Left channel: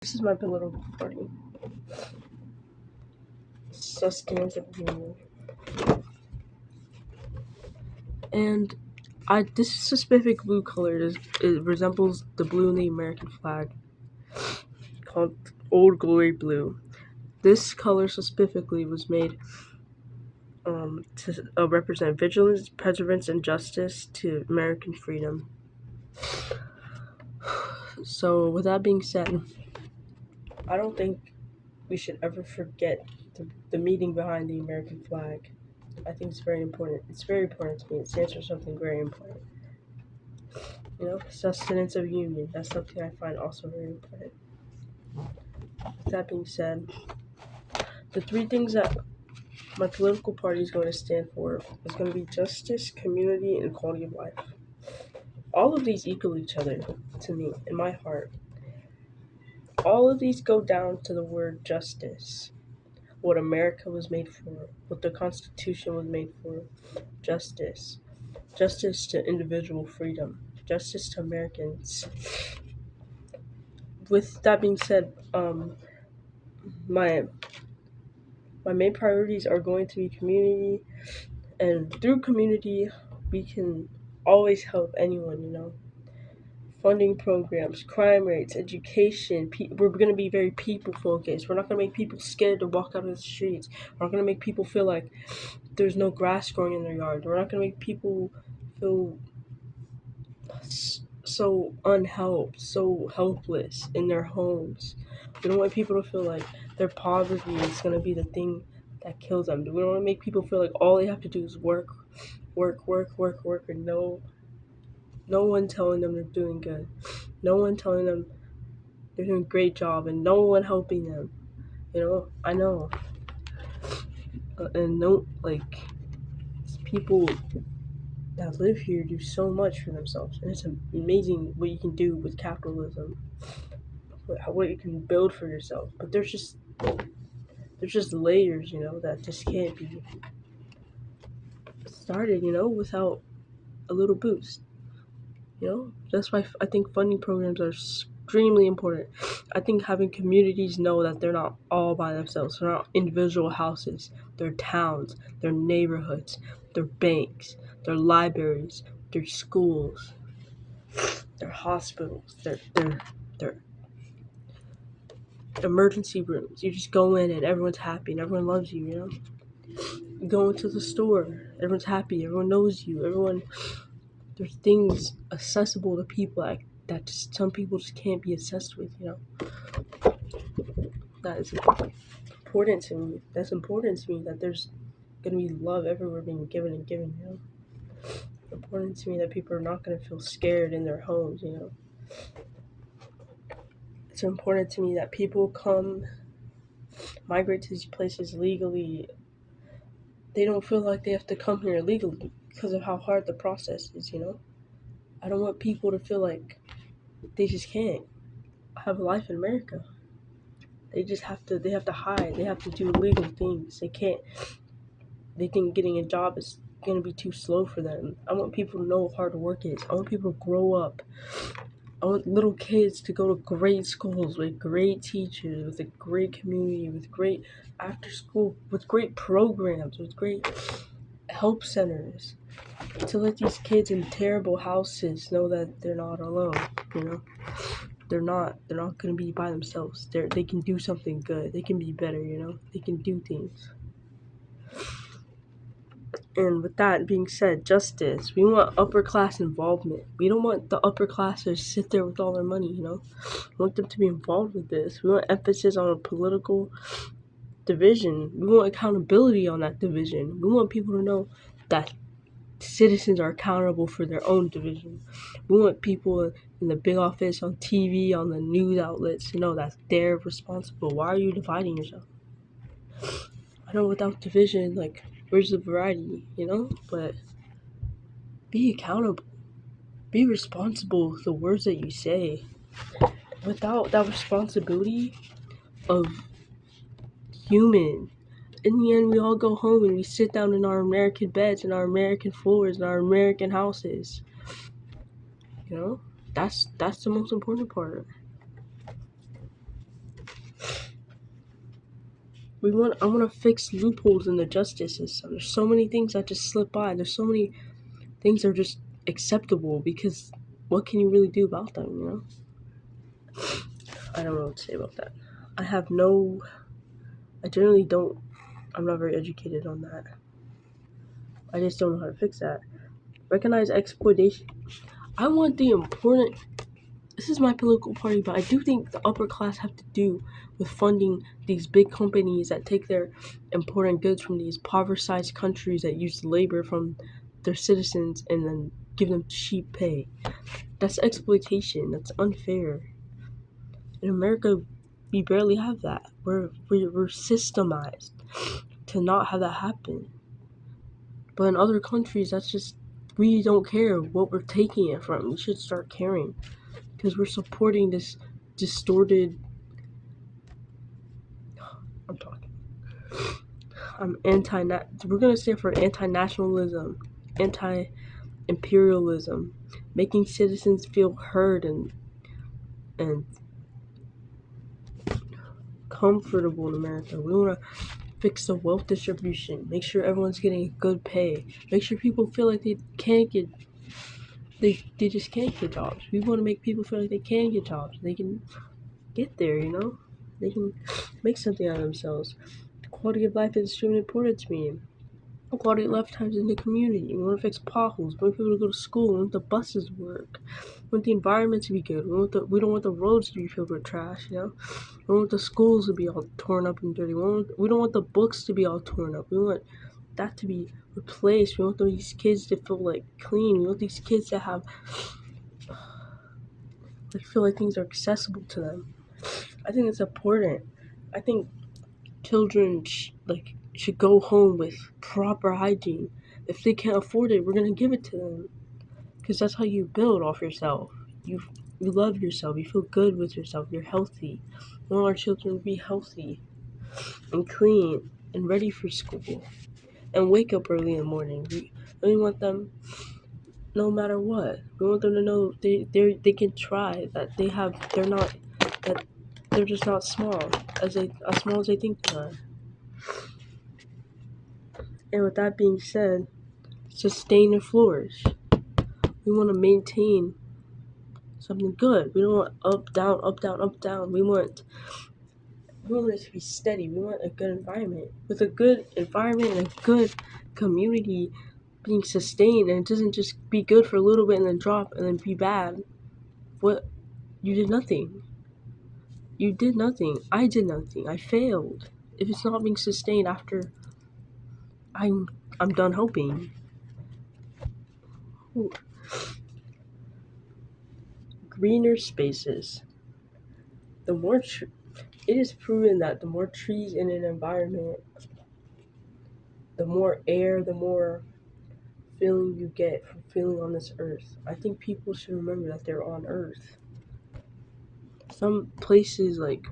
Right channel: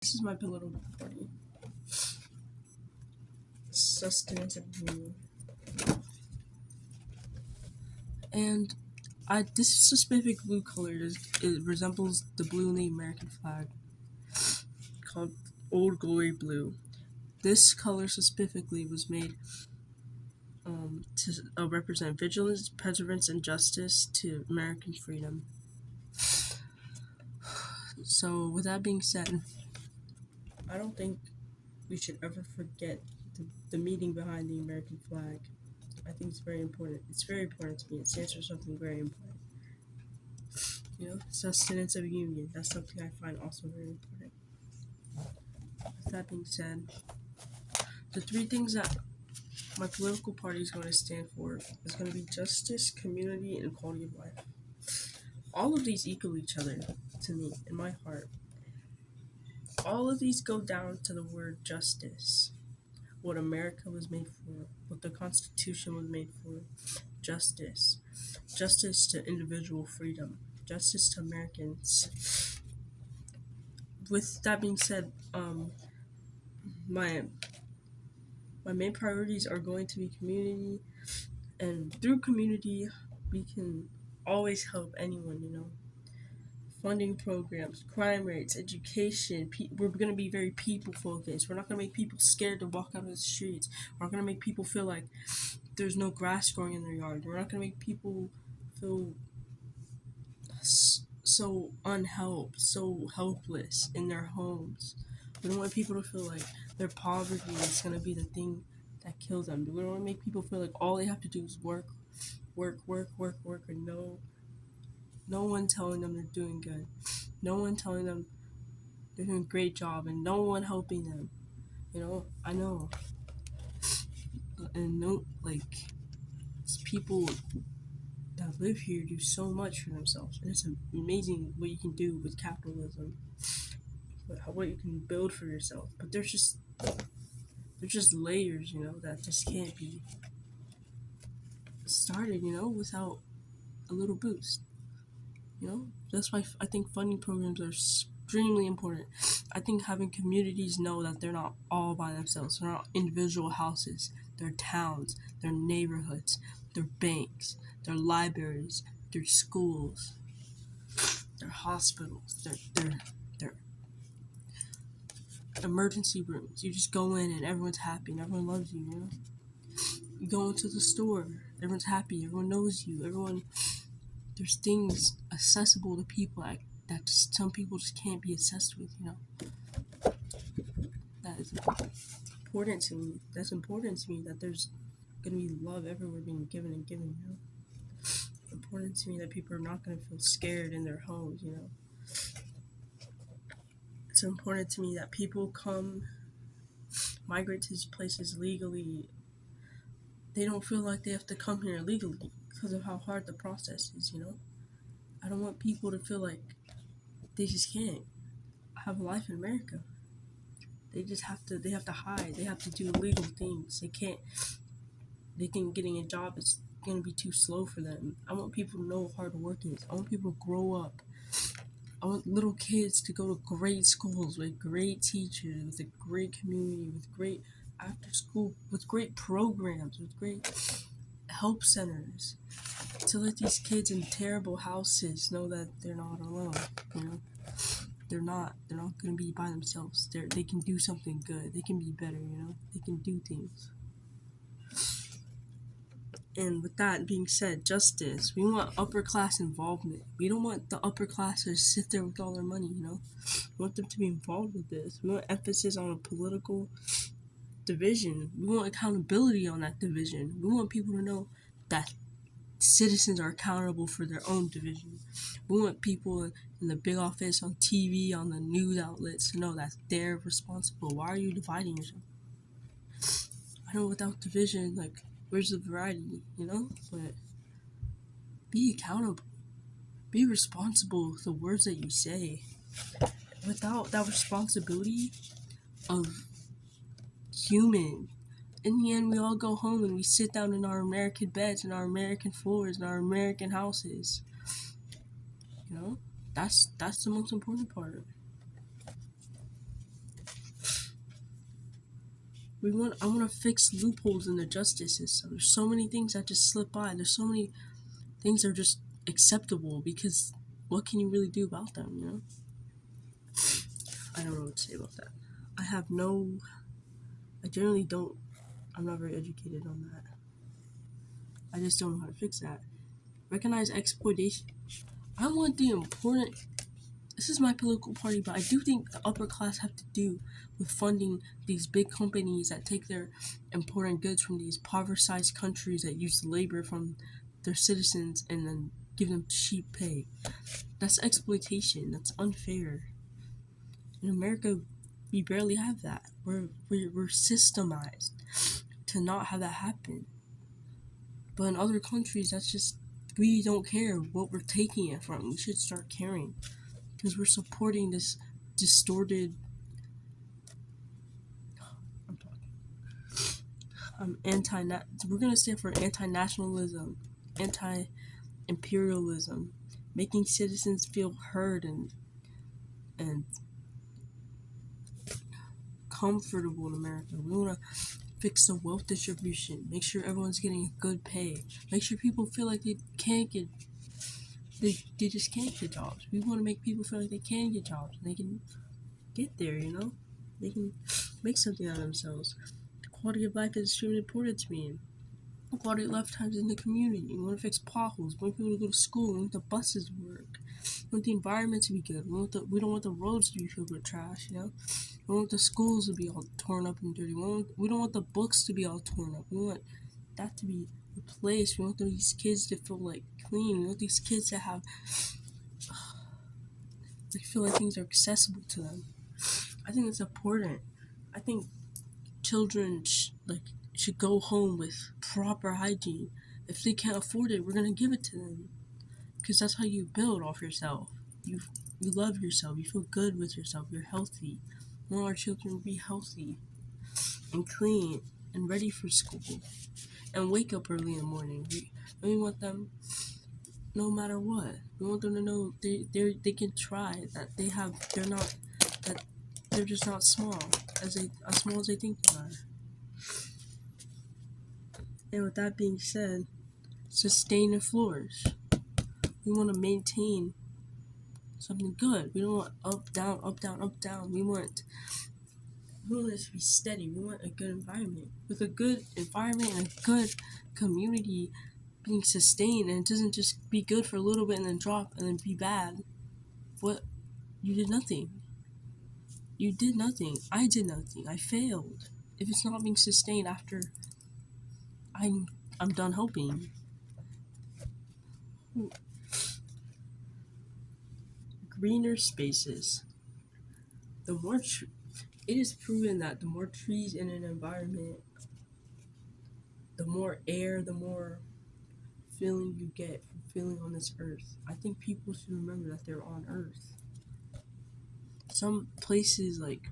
This is my political party. Sustenance of Union. And this specific blue color it resembles the blue in the American flag, called Old Glory Blue. This color specifically was made to represent vigilance, perseverance, and justice to American freedom. So, with that being said, I don't think we should ever forget the meaning behind the American flag. I think it's very important. It's very important to me. It stands for something very important. Sustenance of union. That's something I find also very important. With that being said, the three things that my political party is going to stand for is going to be justice, community, and quality of life. All of these equal each other to me, in my heart. All of these go down to the word justice. What America was made for, what the Constitution was made for. Justice. Justice to individual freedom. Justice to Americans. With that being said, my main priorities are going to be community, and through community, we can always help anyone. Funding programs, crime rates, education. We're going to be very people focused. We're not going to make people scared to walk out of the streets. We're not going to make people feel like there's no grass growing in their yard. We're not going to make people feel so unhelped, so helpless in their homes. We don't want people to feel like their poverty is going to be the thing that kills them. We don't want to make people feel like all they have to do is work, and no one telling them they're doing good. No one telling them they're doing a great job, and no one helping them. I know. And people that live here do so much for themselves, and it's amazing what you can do with capitalism, what you can build for yourself. But there's just layers, that just can't be started, without a little boost. That's why I think funding programs are extremely important. I think having communities know that they're not all by themselves. They're not individual houses. They're towns. They're neighborhoods. They're banks. They're libraries. They're schools. They're hospitals. They're emergency rooms. You just go in and everyone's happy and everyone loves you. You go into the store. Everyone's happy. Everyone knows you. There's things accessible to people that just some people just can't be obsessed with. That is important to me. That's important to me, that there's gonna be love everywhere being given and given. It's important to me that people are not gonna feel scared in their homes. It's important to me that people migrate to these places legally. They don't feel like they have to come here illegally because of how hard the process is. I don't want people to feel like they just can't have a life in America. They have to hide. They have to do illegal things. Getting a job is going to be too slow for them. I want people to know what hard work is. I want people to grow up. I want little kids to go to great schools with great teachers, with a great community, with great after school, with great programs, with great help centers. To let these kids in terrible houses know that they're not alone. They're not going to be by themselves. They can do something good. They can be better. They can do things. And with that being said, justice. We want upper class involvement. We don't want the upper class to sit there with all their money. We want them to be involved with this. We want emphasis on a political division. We want accountability on that division. We want people to know that citizens are accountable for their own division. We want people in the big office, on TV, on the news outlets to know that they're responsible. Why are you dividing yourself? I know without division, where's the variety, But be accountable. Be responsible for the words that you say. Without that responsibility of human, in the end, we all go home and we sit down in our American beds, in our American floors, in our American houses. That's the most important part. I want to fix loopholes in the justice system. There's so many things that just slip by. There's so many things that are just acceptable because what can you really do about them, you know? I don't know what to say about that. I generally don't, I'm not very educated on that. I just don't know how to fix that. Recognize exploitation. I want the important, this is my political party, but I do think the upper class have to do with funding these big companies that take their important goods from these impoverished countries that use labor from their citizens and then give them cheap pay. That's exploitation. That's unfair. In America, we barely have that. We're systemized to not have that happen. But in other countries, that's just, we don't care what we're taking it from. We should start caring because we're supporting this distorted. I'm talking. I'm anti. We're gonna stand for anti-nationalism, anti-imperialism, making citizens feel heard and comfortable in America. We want to fix the wealth distribution, make sure everyone's getting good pay, make sure people feel like they just can't get jobs. We want to make people feel like they can get jobs. They can get there, you know? They can make something out of themselves. The quality of life is extremely important to me. Quality of life times in the community. We want to fix potholes. We want people to go to school. We want the buses to work. We want the environment to be good. We don't want the roads to be filled with trash, you know? We don't want the schools to be all torn up and dirty. We don't want the books to be all torn up. We want that to be replaced. We want these kids to feel like clean. We want these kids to have feel like things are accessible to them. I think it's important. I think children should go home with proper hygiene. If they can't afford it, we're gonna give it to them, because that's how you build off yourself. You love yourself. You feel good with yourself. You're healthy. We want our children to be healthy and clean and ready for school and wake up early in the morning. We want them no matter what. We want them to know they can try, that they're just not small as small as they think they are. And with that being said, sustain and flourish. We want to maintain something good. We don't want up, down, up, down, up, down. We want it to be steady. We want a good environment. With a good environment and a good community being sustained, and it doesn't just be good for a little bit and then drop and then be bad. What? You did nothing. You did nothing. I did nothing. I failed. If it's not being sustained after I'm done hoping. Ooh. Greener spaces. It is proven that the more trees in an environment, the more air, the more feeling you get from feeling on this earth. I think people should remember that they're on earth. Some places, like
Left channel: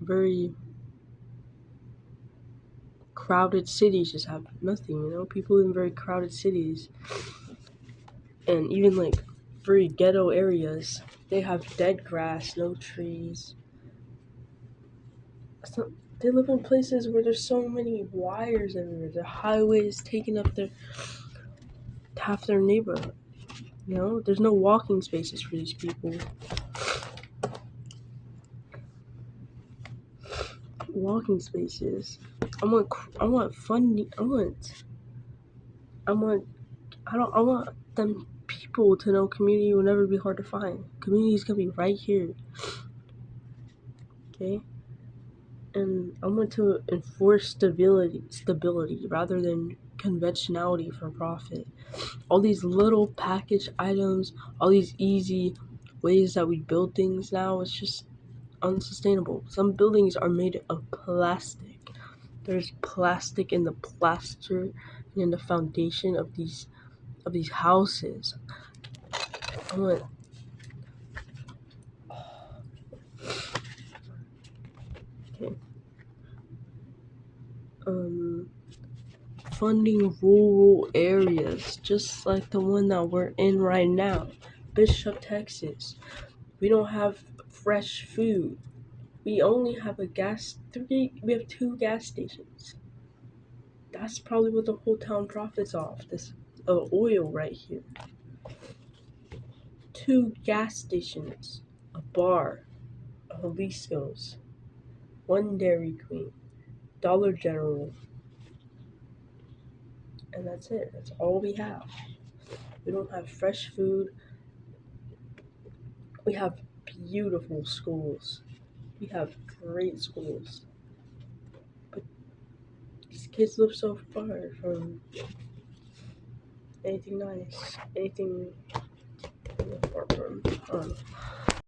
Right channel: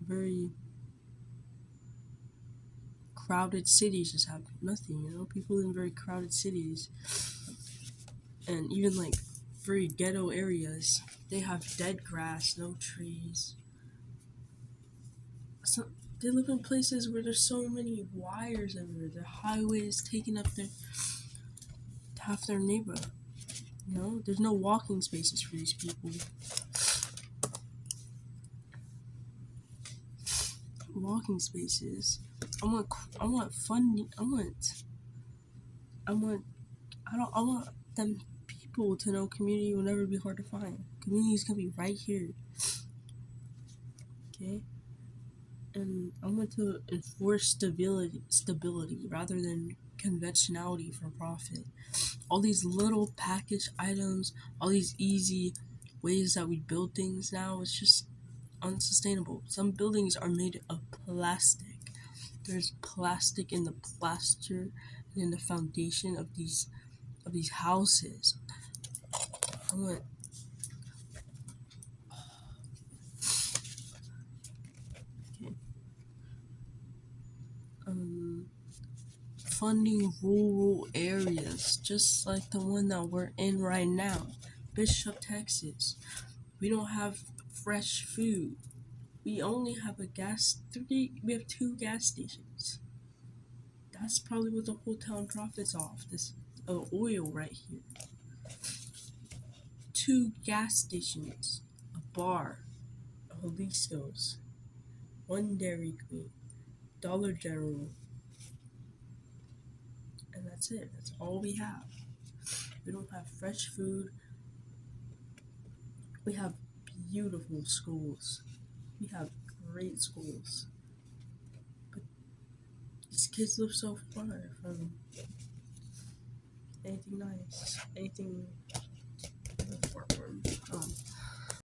very crowded cities, just have nothing, you know? People in very crowded cities and even like very ghetto areas, they have dead grass, no trees. So they live in places where there's so many wires everywhere. The highways taking up half their neighborhood. You know, there's no walking spaces for these people. Walking spaces. I want funding. I want them people to know community will never be hard to find. Community is gonna be right here. Okay? And I want to enforce stability rather than conventionality for profit. All these little package items, all these easy ways that we build things now, it's just unsustainable. Some buildings are made of plastic. There's plastic in the plaster and in the foundation of these houses. I want okay. Funding rural areas, just like the one that we're in right now, Bishop, Texas. We don't have fresh food. We only have a gas three. We have two gas stations. That's probably what the whole town profits off. This oil right here. Two gas stations, a bar, a Jalisco's, one Dairy Queen, Dollar General, and that's it. That's all we have. We don't have fresh food. We have beautiful schools. We have great schools. But these kids live so far from anything nice, anything far from.